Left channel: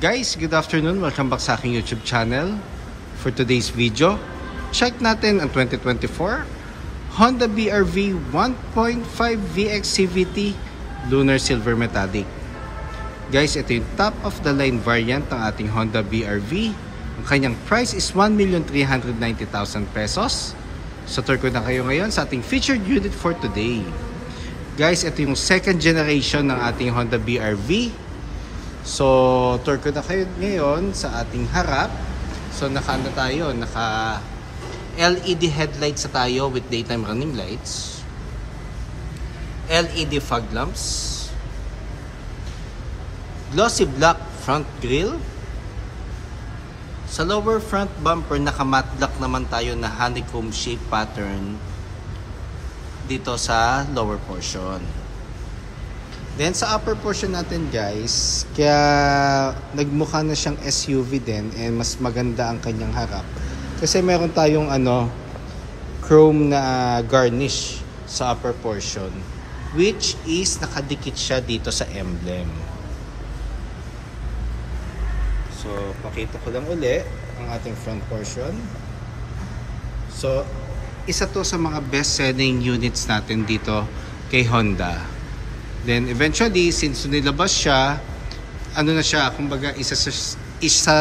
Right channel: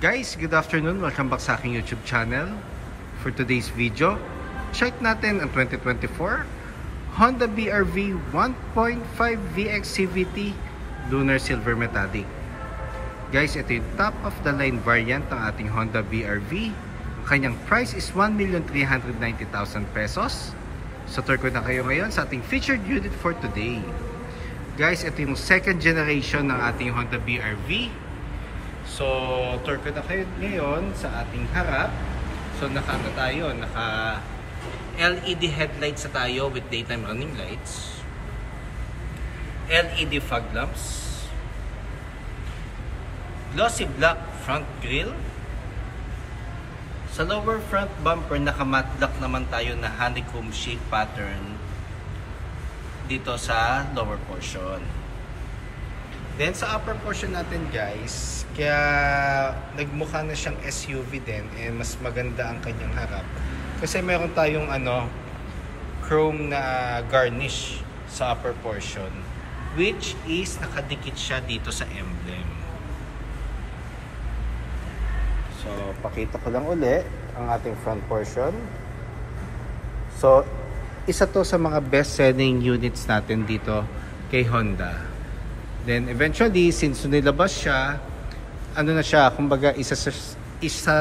Guys, good afternoon. Welcome back sa aking YouTube channel. For today's video, check natin ang 2024 Honda BR-V 1.5 VX CVT Lunar Silver Metallic. Guys, ito yung top of the line variant ng ating Honda BR-V. Ang kanyang price is 1,390,000 pesos. So tour ko na kayo ngayon sa ating featured unit for today. Guys, ito yung second generation ng ating Honda BR-V. So, tour ko na kayo ngayon sa ating harap. So, naka LED headlights na tayo with daytime running lights. LED fog lamps. Glossy black front grille. Sa lower front bumper, naka-matte black naman tayo na honeycomb shape pattern dito sa lower portion. Then sa upper portion natin guys, kaya nagmukha na siyang SUV din and mas maganda ang kanyang harap. Kasi meron tayong chrome na garnish sa upper portion, which is nakadikit siya dito sa emblem. So pakita ko lang uli ang ating front portion. So isa to sa mga best selling units natin dito kay Honda. Then eventually, since nilabas siya, na siya, kumbaga isa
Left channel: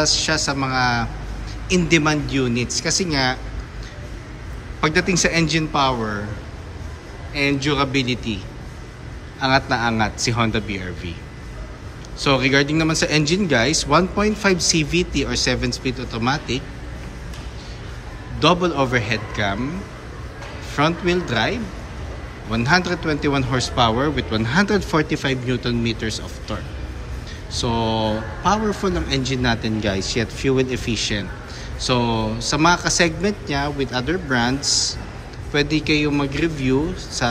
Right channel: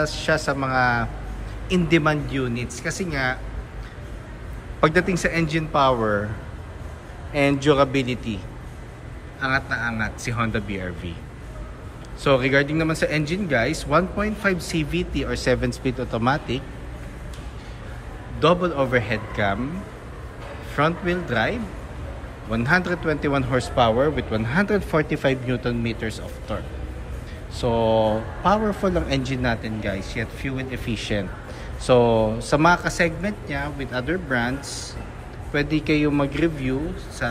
siya sa mga in-demand units. Kasi nga, pagdating sa engine power and durability, angat na angat si Honda BR-V. So regarding naman sa engine guys, 1.5 CVT or 7-speed automatic, double overhead cam, front wheel drive, 121 horsepower with 145 Newton meters of torque. So, powerful ang engine natin guys, yet fuel efficient. So, sa mga ka-segment niya with other brands, pwede kayo mag-review sa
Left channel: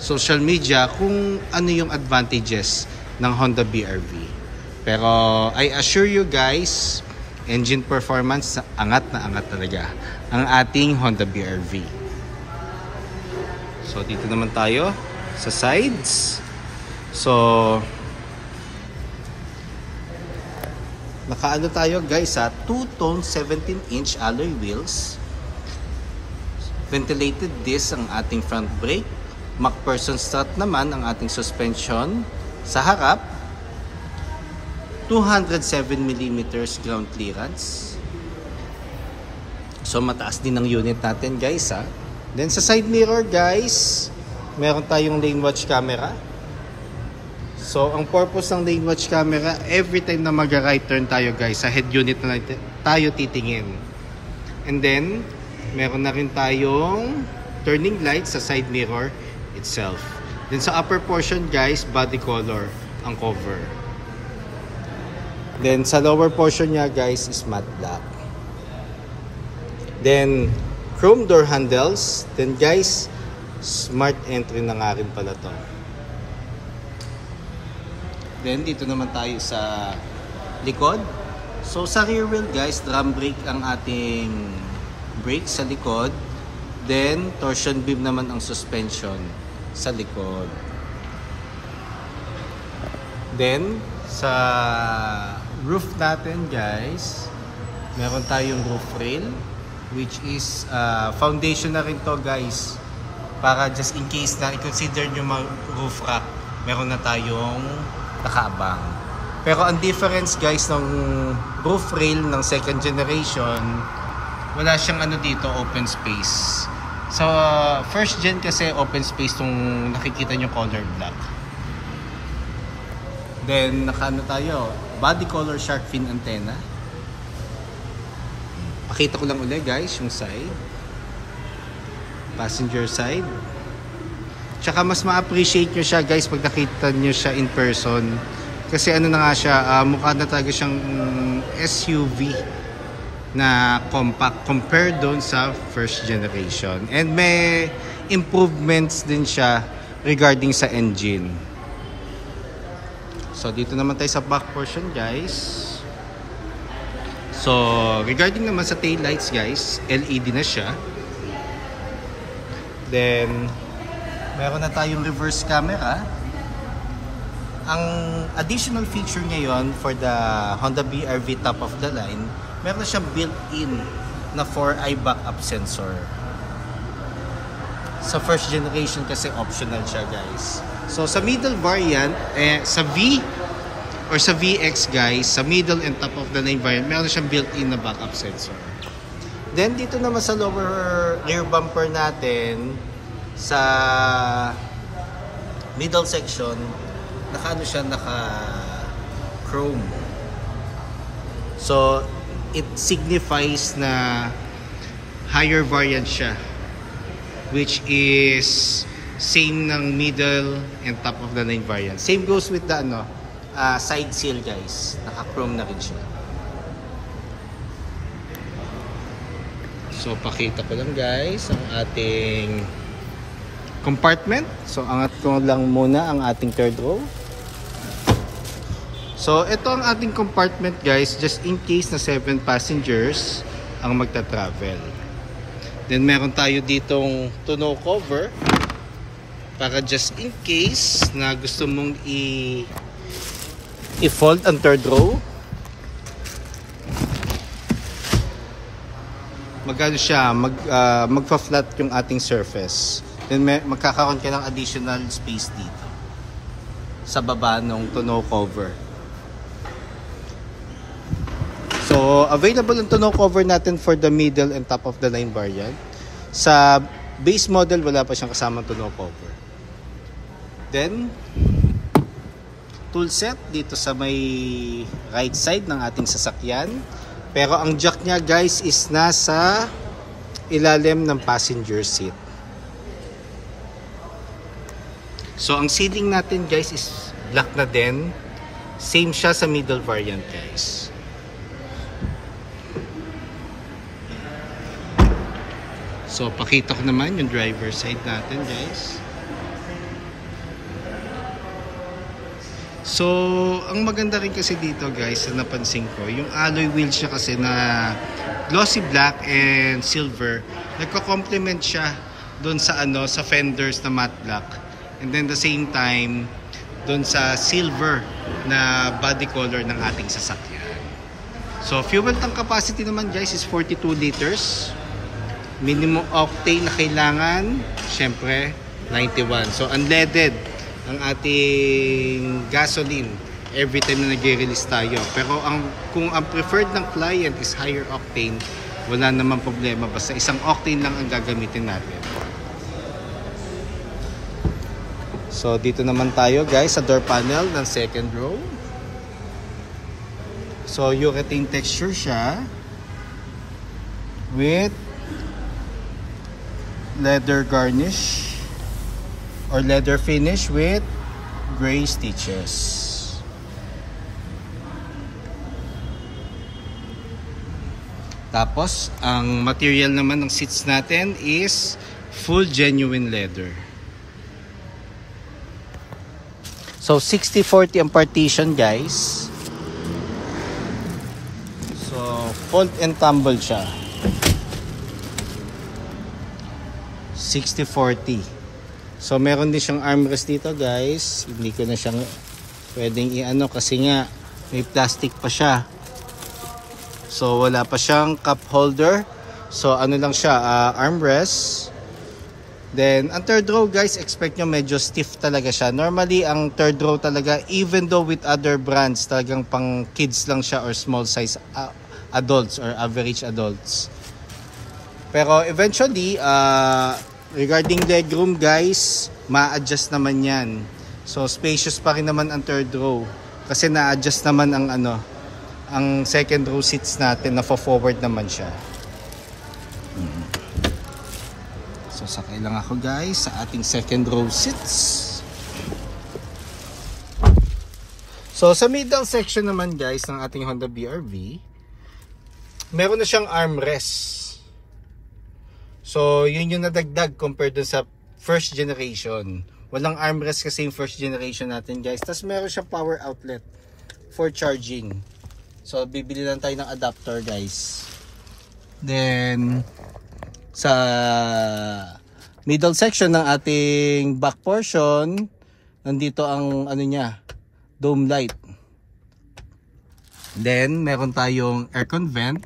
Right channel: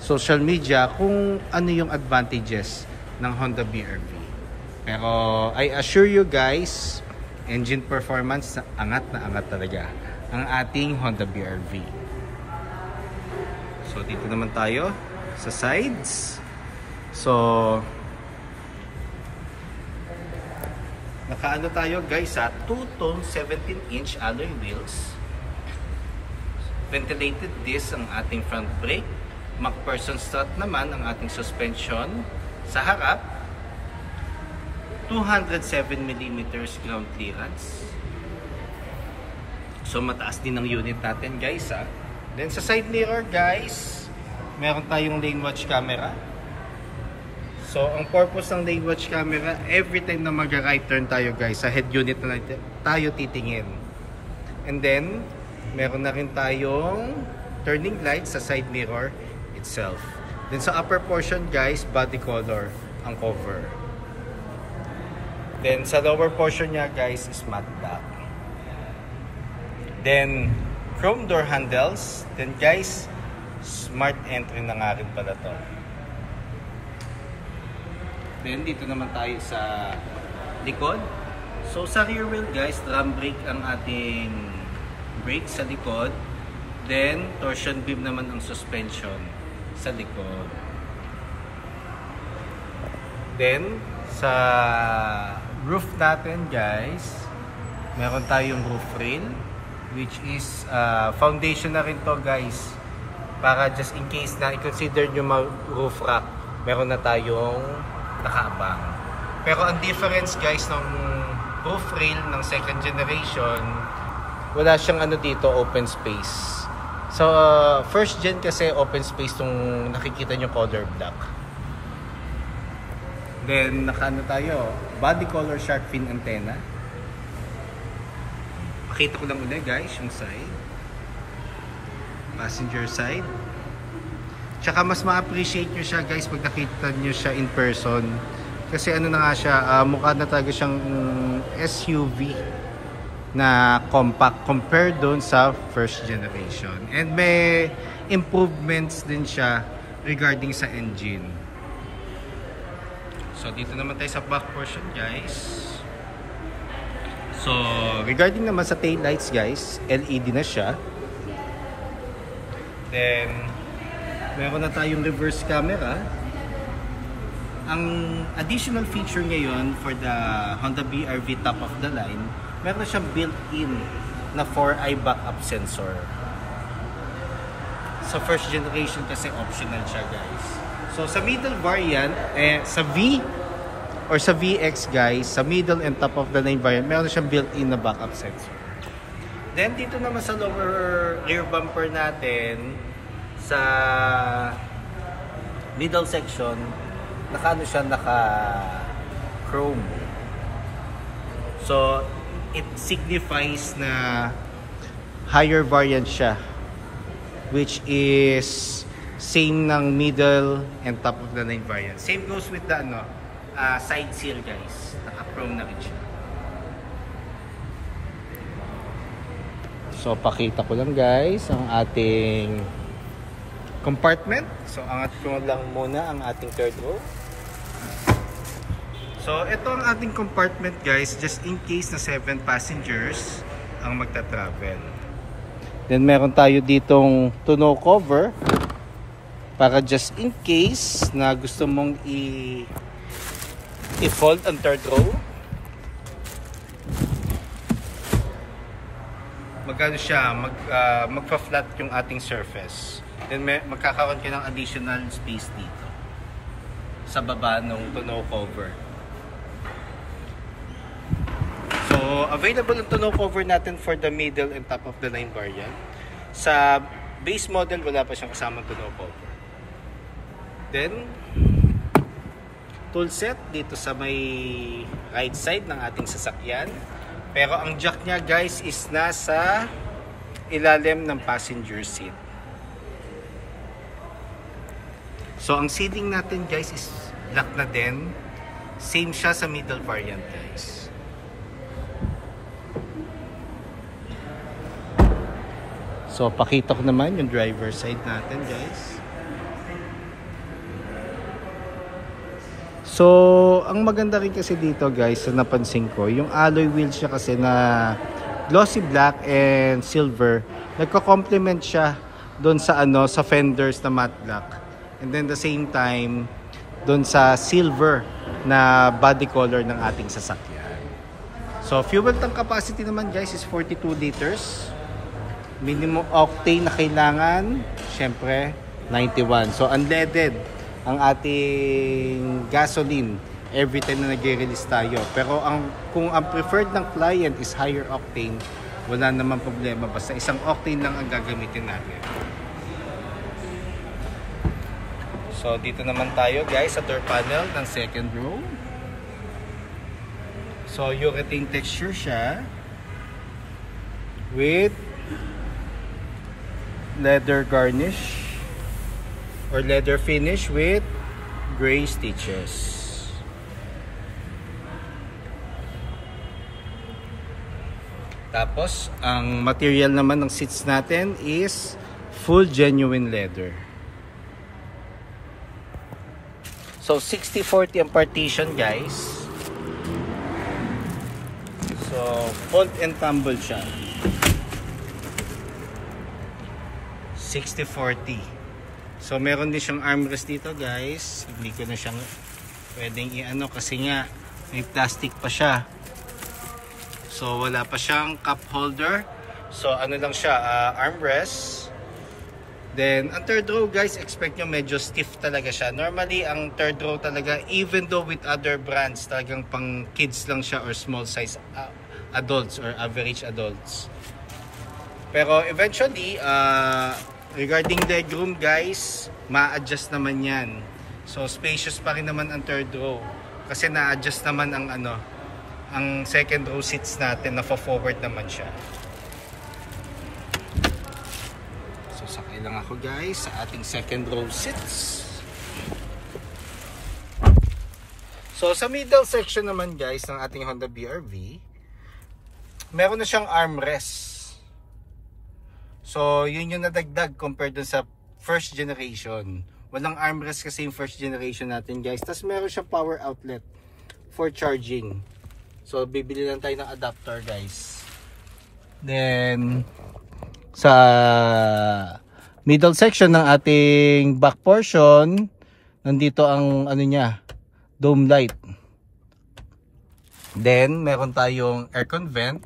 social media kung ano yung advantages ng Honda BR-V. Pero, I assure you guys, engine performance, angat na angat talaga ang ating Honda BR-V. So dito naman tayo sa sides. So nakaano tayo guys sa two-tone 17-inch alloy wheels. Ventilated disc ang ating front brake. MacPherson strut naman ang ating suspension sa harap. 207mm ground clearance. So mataas din ang unit natin guys ha. Then sa side mirror guys, meron tayong lane watch camera. So ang purpose ng lane watch camera, every time na mag-right turn tayo guys, sa head unit na tayo titingin. And then, meron na rin tayong turning lights sa side mirror itself. Then sa upper portion guys, body color ang cover. Then sa lower portion niya guys is matte black. Then chrome door handles. Then guys, smart entry na nga rin pala to. Then dito naman tayo sa likod. So sa rear wheel guys, drum brake ang ating brake sa likod. Then torsion beam naman ang suspension sa likod. Then sa roof natin guys, meron tayong roof rail, which is foundation na rin to guys, para just in case na i-consider nyo mag-roof rack, meron na tayong nakaabang. Pero ang difference guys ng roof rail ng second generation, wala siyang dito, open space. So first gen kasi open space nung nakikita nyo color black. Then tayo, body color shark fin antenna. Pakita ko lang ulit guys yung side, passenger side. Tsaka mas ma-appreciate nyo siya guys pag nakita nyo siya in person. Kasi na nga siya, mukha na talaga siyang SUV na compact compared doon sa first generation. And may improvements din siya regarding sa engine. So dito naman tayo sa back portion guys. So, regarding naman sa tail lights guys, LED na siya. Then, meron na tayong reverse camera. ang additional feature ngayon for the Honda BR-V top of the line, meron na siyang built-in na 4-eye backup sensor. Sa first generation kasi optional siya, guys. So sa middle variant, sa V or sa VX, guys, sa middle and top of the line variant, meron na siyang built-in na backup sensor. Then dito naman sa lower rear bumper natin, sa middle section, naka chrome. So it signifies na higher variant siya, which is same ng middle and top of the line variant. Same goes with the side seal, guys. Naka chrome na rin siya. So pakita ko lang, guys, ang ating compartment. So angat ko lang muna ang ating third row. So ito ang ating compartment, guys, just in case na 7 passengers ang magta-travel. Then meron tayo ditong tonneau cover para just in case na gusto mong i-fold ang third row. Magano siya, magfa-flat yung ating surface. Then magkakaroon ka ng additional space dito sa baba ng tonneau cover. So available ang tonneau cover natin for the middle and top of the line variant. Sa base model wala pa siyang kasamang tonneau cover. Then tool set dito sa may right side ng ating sasakyan. Pero ang jack niya, guys, is nasa ilalim ng passenger seat. So ang seating natin, guys, is black na din. Same siya sa middle variant, guys. So pakita ko naman yung driver side natin, guys. So ang maganda rin kasi dito, guys, na napansin ko, yung alloy wheels siya kasi na glossy black and silver, nagko-complement siya doon sa sa fenders na matte black. And then the same time doon sa silver na body color ng ating sasakyan. So fuel tank capacity naman, guys, is 42 liters. Minimum octane na kailangan, syempre 91. So unleaded ang ating gasoline every time na nag-release tayo. Pero kung ang preferred ng client is higher octane, wala naman problema, basta isang octane lang ang gagamitin natin. So dito naman tayo, guys, sa door panel ng second row. So urethane texture siya with leather garnish or leather finish with gray stitches. Tapos ang material naman ng seats natin is full genuine leather. So 60-40 ang partition, guys. So fold and tumble siya. 60-40. So meron din siyang armrest dito, guys. Hindi ko na siyang pwedeng i-ano kasi nga may plastic pa siya. So wala pa siyang cup holder. So ano lang siya, armrest. Then ang third row, guys, expect nyo medyo stiff talaga siya. Normally ang third row talaga, even though with other brands, talagang pang kids lang siya or small size adults or average adults. Pero eventually, regarding legroom, guys, ma-adjust naman yan. So spacious pa rin naman ang third row kasi na-adjust naman ang second row seats natin, na forward naman siya. So sakay lang ako, guys, sa ating second row seats. So sa middle section naman, guys, ng ating Honda BR-V, meron na siyang armrest. So yun yung nadagdag compared dun sa first generation. Walang armrest kasi yung first generation natin, guys. Tapos meron siya power outlet for charging. So bibili lang tayo ng adapter, guys. Then sa middle section ng ating back portion, nandito ang ano niya, dome light. Then meron tayong aircon vent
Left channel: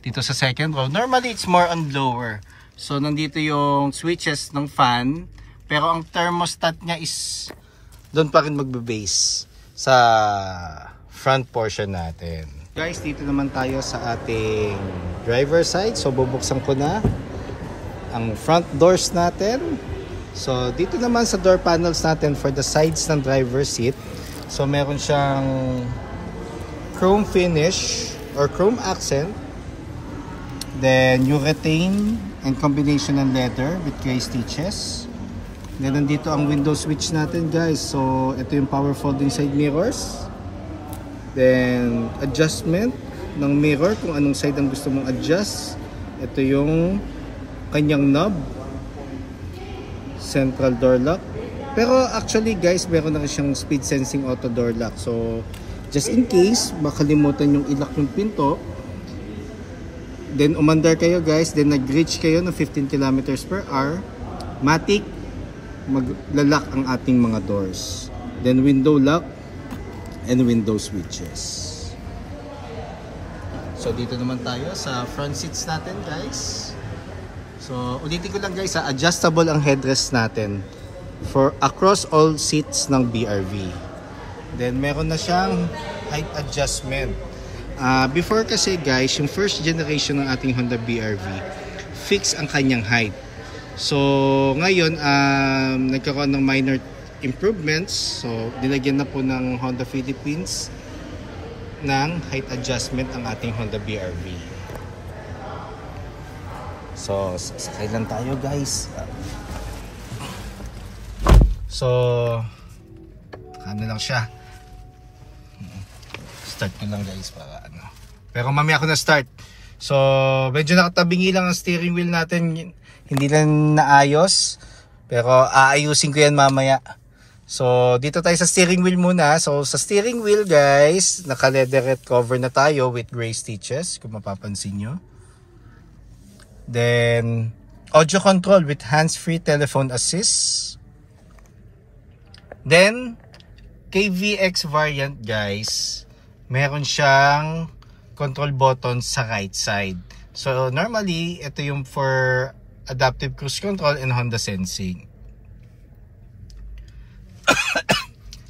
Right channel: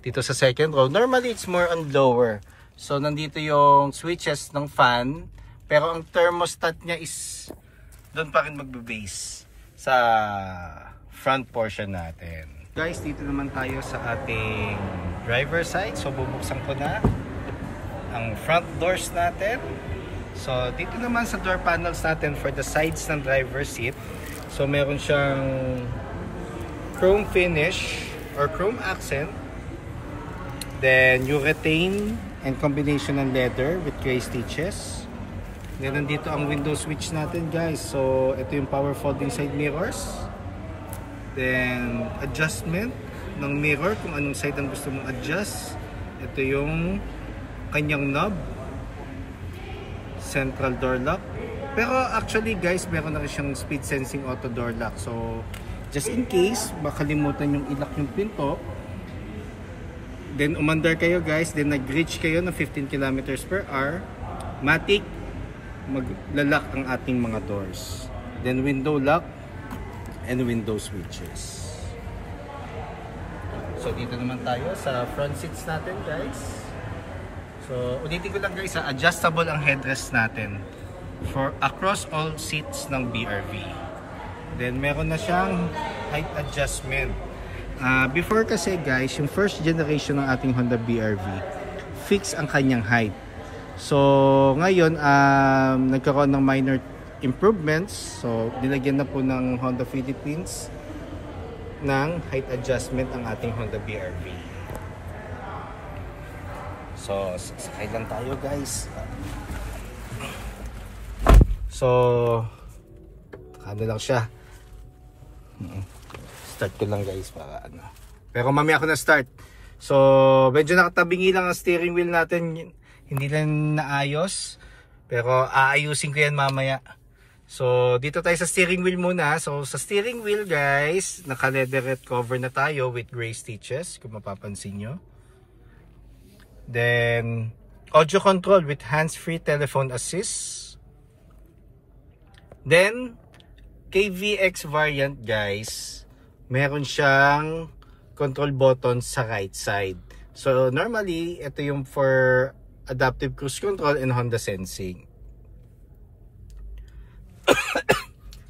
dito sa second row. Normally it's more on lower. So nandito yung switches ng fan, pero ang thermostat niya is doon pa rin magbe-base sa front portion natin. Guys, dito naman tayo sa ating driver side. So bubuksan ko na ang front doors natin. So dito naman sa door panels natin for the sides ng driver seat. So meron siyang chrome finish or chrome accent. Then urethane and combination ng leather with gray stitches. Then nandito ang window switch natin, guys. So ito yung power folding side mirrors. Then adjustment ng mirror kung anong side ang gusto mong adjust. Ito yung kanyang knob. Central door lock. Pero actually guys, meron na rin siyang speed sensing auto door lock. So just in case makalimutan yung i-lock yung pinto, then umandar kayo guys, then nag-reach kayo ng 15 km/h, matic maglalak ang ating mga doors. Then window lock and window switches. So dito naman tayo sa front seats natin guys. So ulitin ko lang guys, adjustable ang headrest natin for across all seats ng BRV. Then meron na siyang height adjustment. Before kasi guys, yung first generation ng ating Honda BRV, fix ang kanyang height. So ngayon, nagkaroon ng minor improvements. So nilagyan na po ng Honda Philippines ng height adjustment ang ating Honda BRV. So sakay lang tayo guys. So ano lang siya, start ko lang guys para ano. Pero mamaya ako na start. So medyo nakatabingi lang ang steering wheel natin, hindi lang naayos, pero aayusin ko yan mamaya. So dito tayo sa steering wheel muna. So sa steering wheel guys, naka leatherette cover na tayo with gray stitches kung mapapansin nyo. Then audio control with hands-free telephone assist. Then KVX variant guys, meron siyang control button sa right side. So normally ito yung for adaptive cruise control and Honda sensing.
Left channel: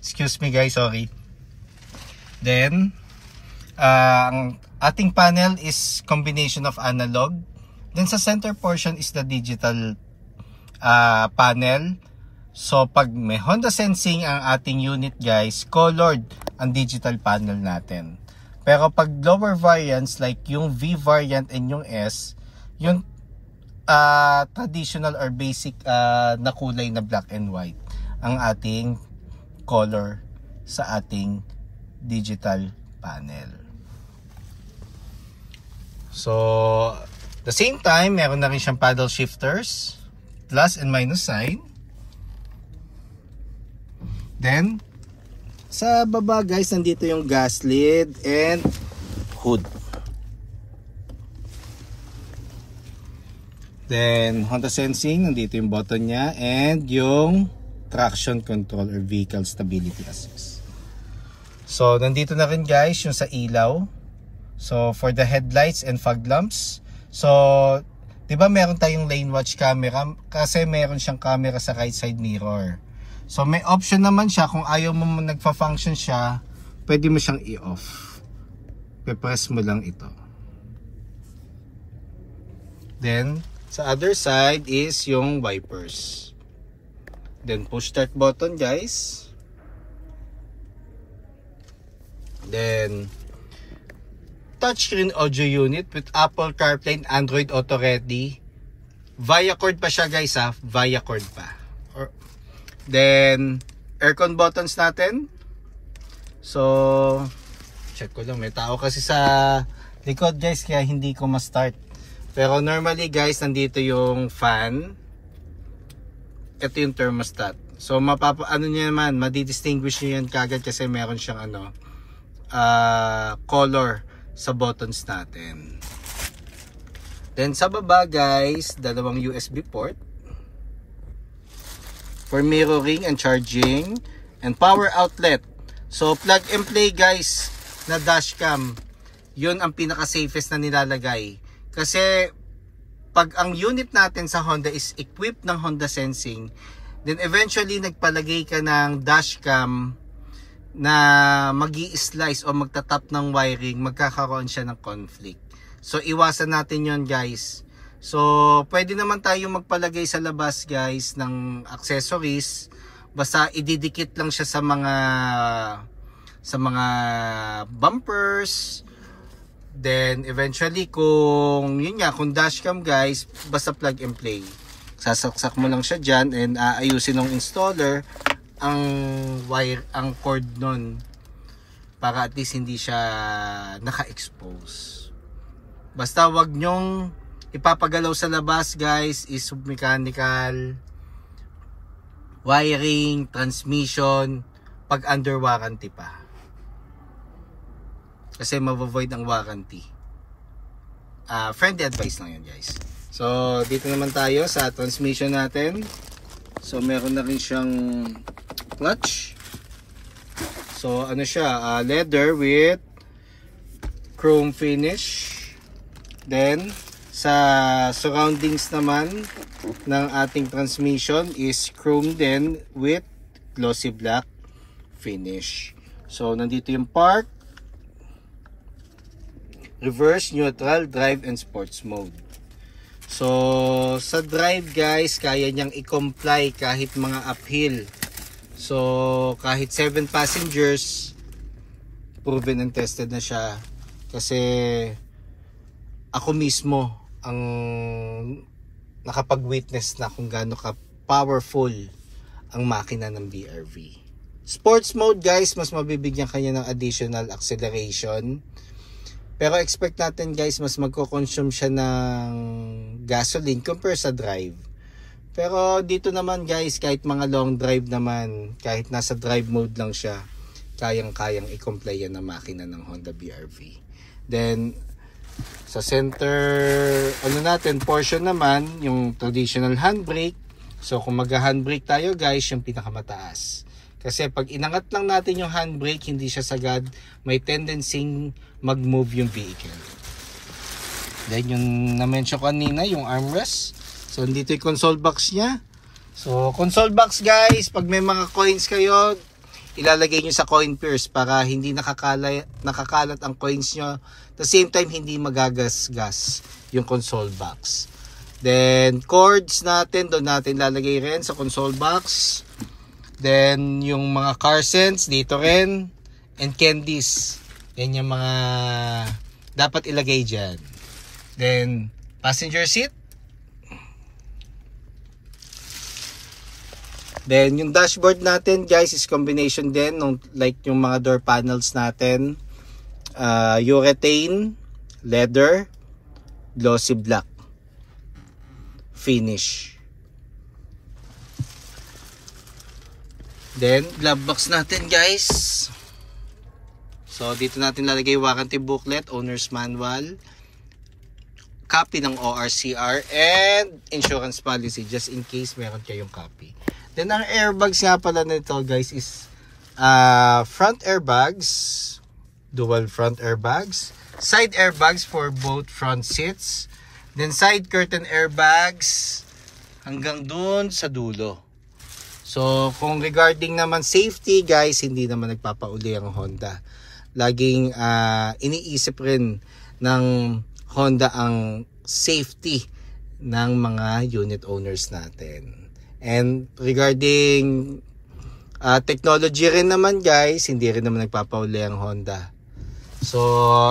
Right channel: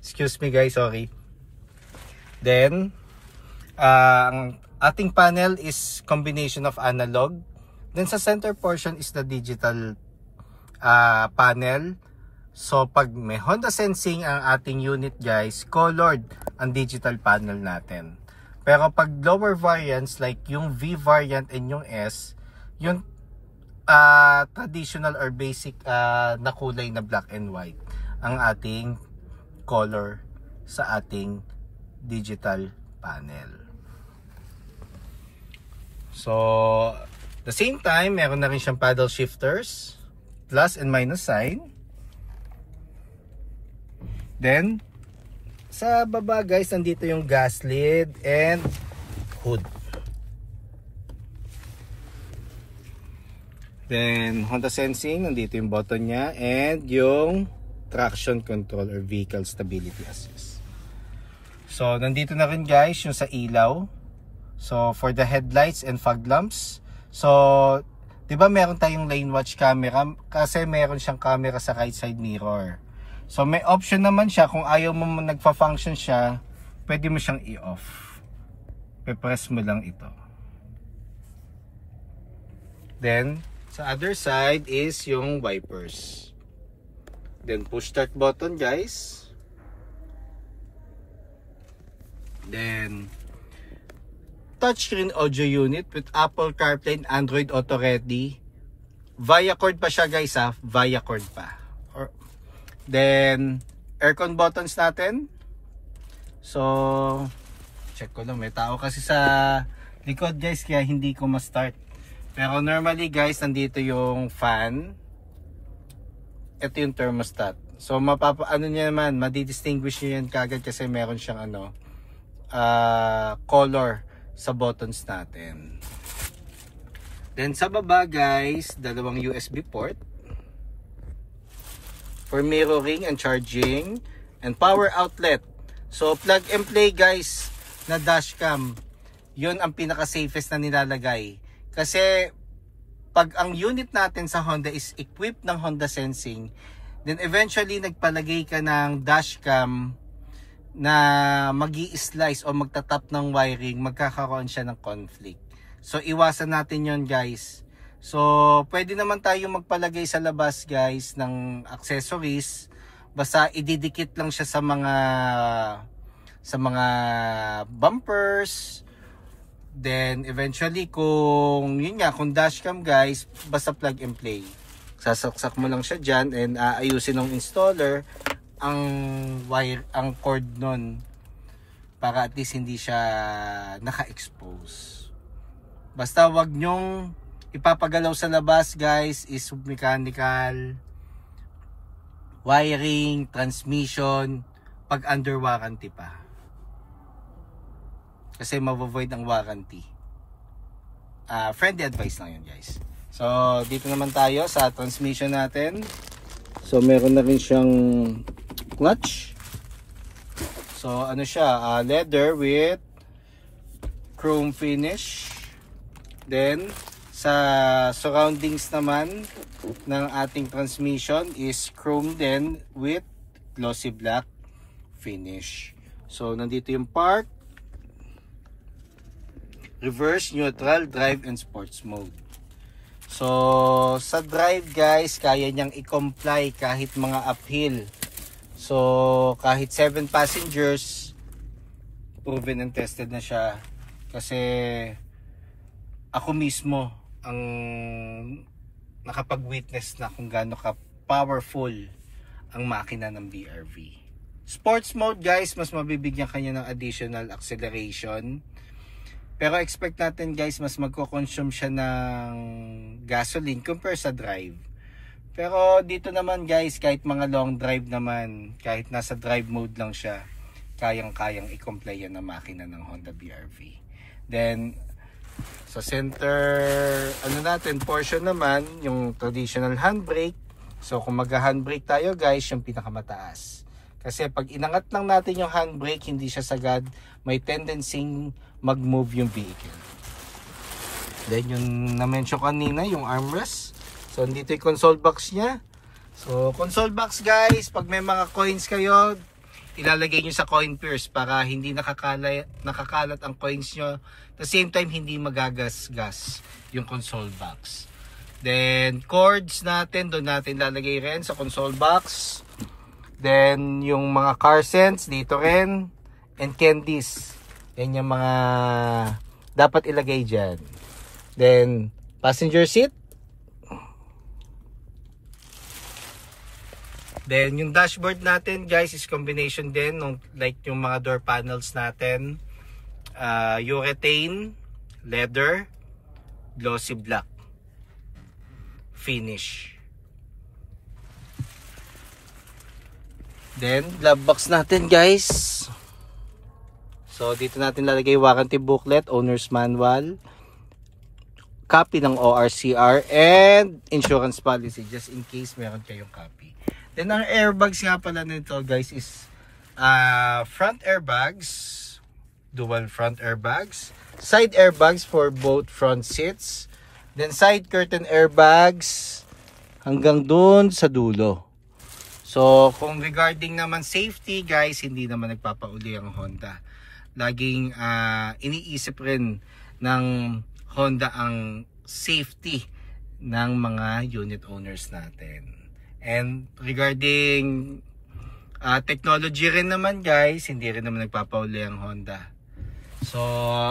Excuse me guys, sorry. Then ang ating panel is combination of analog. Then sa center portion is the digital panel. So pag may Honda sensing ang ating unit guys, colored ang digital panel natin. Pero pag lower variants like yung V variant and yung S, yung traditional or basic na kulay na black and white ang ating color sa ating digital panel. So the same time, meron na rin siyang paddle shifters, plus and minus sign. Then sa baba guys, nandito yung gas lid and hood. Then Honda sensing, nandito yung button niya and yung traction control or vehicle stability assist. So nandito na rin guys yung sa ilaw. So for the headlights and fog lamps. So 'di ba meron tayong lane watch camera kasi meron siyang camera sa right side mirror. So may option naman siya kung ayaw mo nagfa-function siya, pwede mo siyang i-off. Pe-press mo lang ito. Then sa other side is yung wipers. Then push start button guys. Then touchscreen audio unit with Apple CarPlay and Android Auto Ready. Via cord pa siya guys ha, via cord pa. Then aircon buttons natin. So check ko lang, may tao kasi sa likod guys kaya hindi ko ma-start. Pero normally guys, nandito yung fan. Ito yung thermostat. So ano niya naman, madidistinguish niyo yan kagad kasi meron siyang color sa buttons natin. Then sa baba guys, dalawang USB port for mirroring and charging, and power outlet So plug and play guys na dashcam, yun ang pinaka safest na nilalagay. Kasi pag ang unit natin sa Honda is equipped ng Honda Sensing, then eventually nagpalagay ka ng dashcam na magi-slice o magtatap ng wiring, magkakaroon siya ng conflict. So iwasan natin yon guys. So pwede naman tayo magpalagay sa labas guys ng accessories, basta ididikit lang siya sa mga bumpers. Then eventually kung yun nga, kung dashcam guys, basta plug and play, sasaksak mo lang siya dyan and ayusin ng installer ang wire, ang cord nun, para at least hindi siya naka-expose. Basta wag nyong ipapagalaw sa labas guys is mechanical, wiring, transmission pag under warranty pa, kasi mavovoid ang warranty. Friendly advice lang yun guys. So dito naman tayo sa transmission natin. So meron na rin siyang clutch. So ano siya, leather with chrome finish. Then sa surroundings naman ng ating transmission is chrome din with glossy black finish. So nandito yung park, reverse, neutral, drive, and sports mode. So sa drive guys, kaya niyang i-comply kahit mga uphill. So kahit 7 passengers, proven and tested na siya. Kasi ako mismo ang nakapag-witness na kung gaano ka powerful ang makina ng BRV. Sports mode guys, mas mabibigyan kanya ng additional acceleration. Pero expect natin guys, mas magko-consume siya ng gasoline compare sa drive. Pero dito naman guys, kahit mga long drive naman, kahit nasa drive mode lang siya, kayang-kayang i-comply yan ng makina ng Honda BRV. Then sa center portion naman, yung traditional handbrake. So kung mag-handbrake tayo guys, yung pinakamataas. Kasi pag inangat lang natin yung handbrake, hindi siya sagad, may tendency mag-move yung vehicle. Then yung na-mention kanina, yung armrest. So dito yung console box niya. So console box guys, pag may mga coins kayo, ilalagay nyo sa coin purse para hindi nakakalat ang coins nyo. At the same time, hindi magagas-gas yung console box. Then cords natin, doon natin lalagay rin sa console box. Then yung mga car scents dito rin, and candies, yan yung mga dapat ilagay dyan. Then passenger seat. Then yung dashboard natin guys is combination din ng like yung mga door panels natin, urethane, leather, glossy black finish. Then glove box natin guys. So dito natin lalagay warranty booklet, owner's manual, copy ng ORCR, and insurance policy just in case meron kayong copy. Then ang airbags nga pala nito guys is front airbags, dual front airbags, side airbags for both front seats, then side curtain airbags hanggang dun sa dulo. So kung regarding naman safety guys, hindi naman nagpapauli ang Honda. Laging iniisip rin ng Honda ang safety ng mga unit owners natin. And regarding technology rin naman guys, hindi rin naman nagpapauli ang Honda. So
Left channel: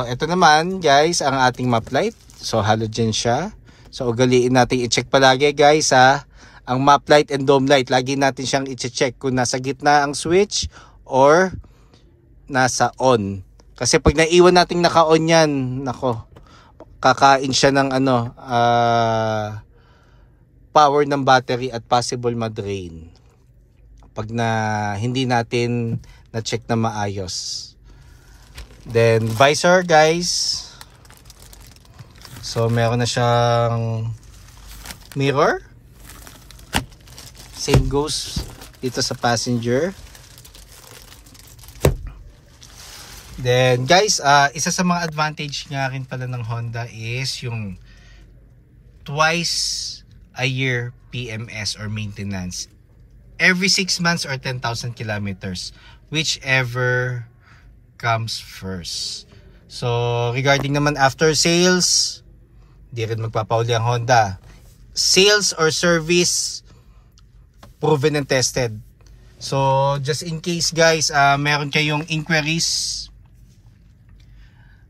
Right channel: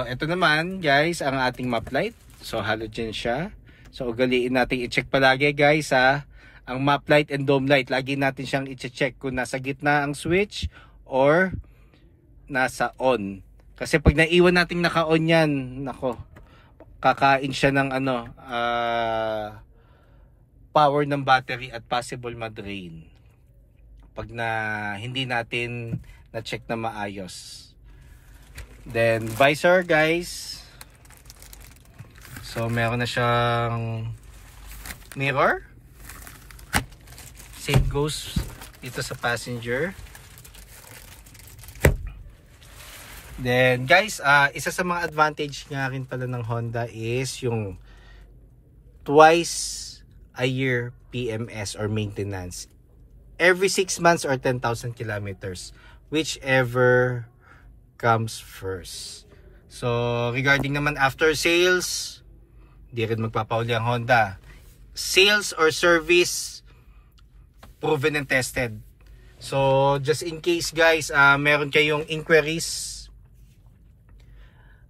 ito naman guys ang ating map light. So halogen siya. So ugaliin natin i-check palagi guys ang map light and dome light. Lagi natin siyang i-check kung nasa gitna ang switch or nasa on. Kasi pag naiwan natin naka-on yan, nako, kakain siya ng power ng battery at possible ma-drain pag hindi natin na-check na maayos. Then visor guys, so meron na siyang mirror. Same goes dito sa passenger. Then guys, isa sa mga advantage nga rin pala ng Honda is yung twice a year PMS or maintenance. Every 6 months or 10,000 kilometers, whichever comes first. So regarding naman after sales, di rin magpapauli ang Honda. Sales or service, proven and tested. So just in case guys, meron kayong inquiries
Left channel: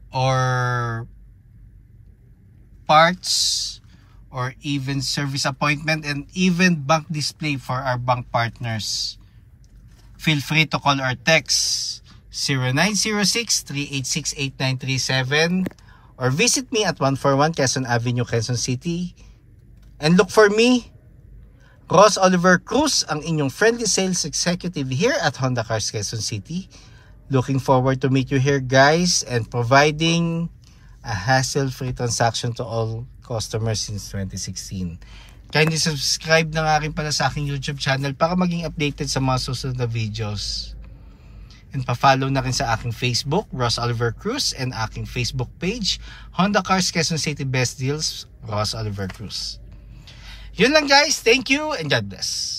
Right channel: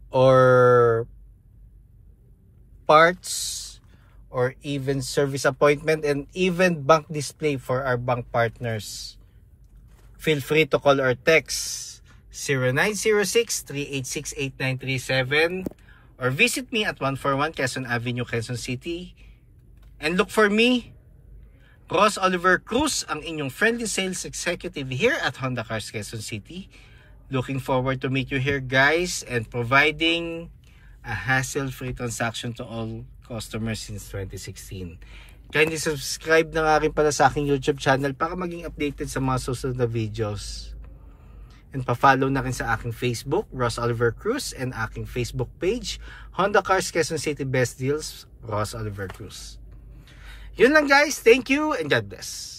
or parts or even service appointment and even bank display for our bank partners, feel free to call or text 0906-386-8937 or visit me at 141 Quezon Avenue, Quezon City, and look for me, Ross Oliver Cruz, ang inyong friendly sales executive here at Honda Cars Quezon City. Looking forward to meet you here guys and providing a hassle-free transaction to all customers since 2016. Kindly subscribe na nga rin pala sa aking YouTube channel para maging updated sa mga susunod na videos. And pa-follow na rin sa aking Facebook, Ross Oliver Cruz, and aking Facebook page, Honda Cars Quezon City Best Deals, Ross Oliver Cruz. Yun lang guys, thank you and God bless.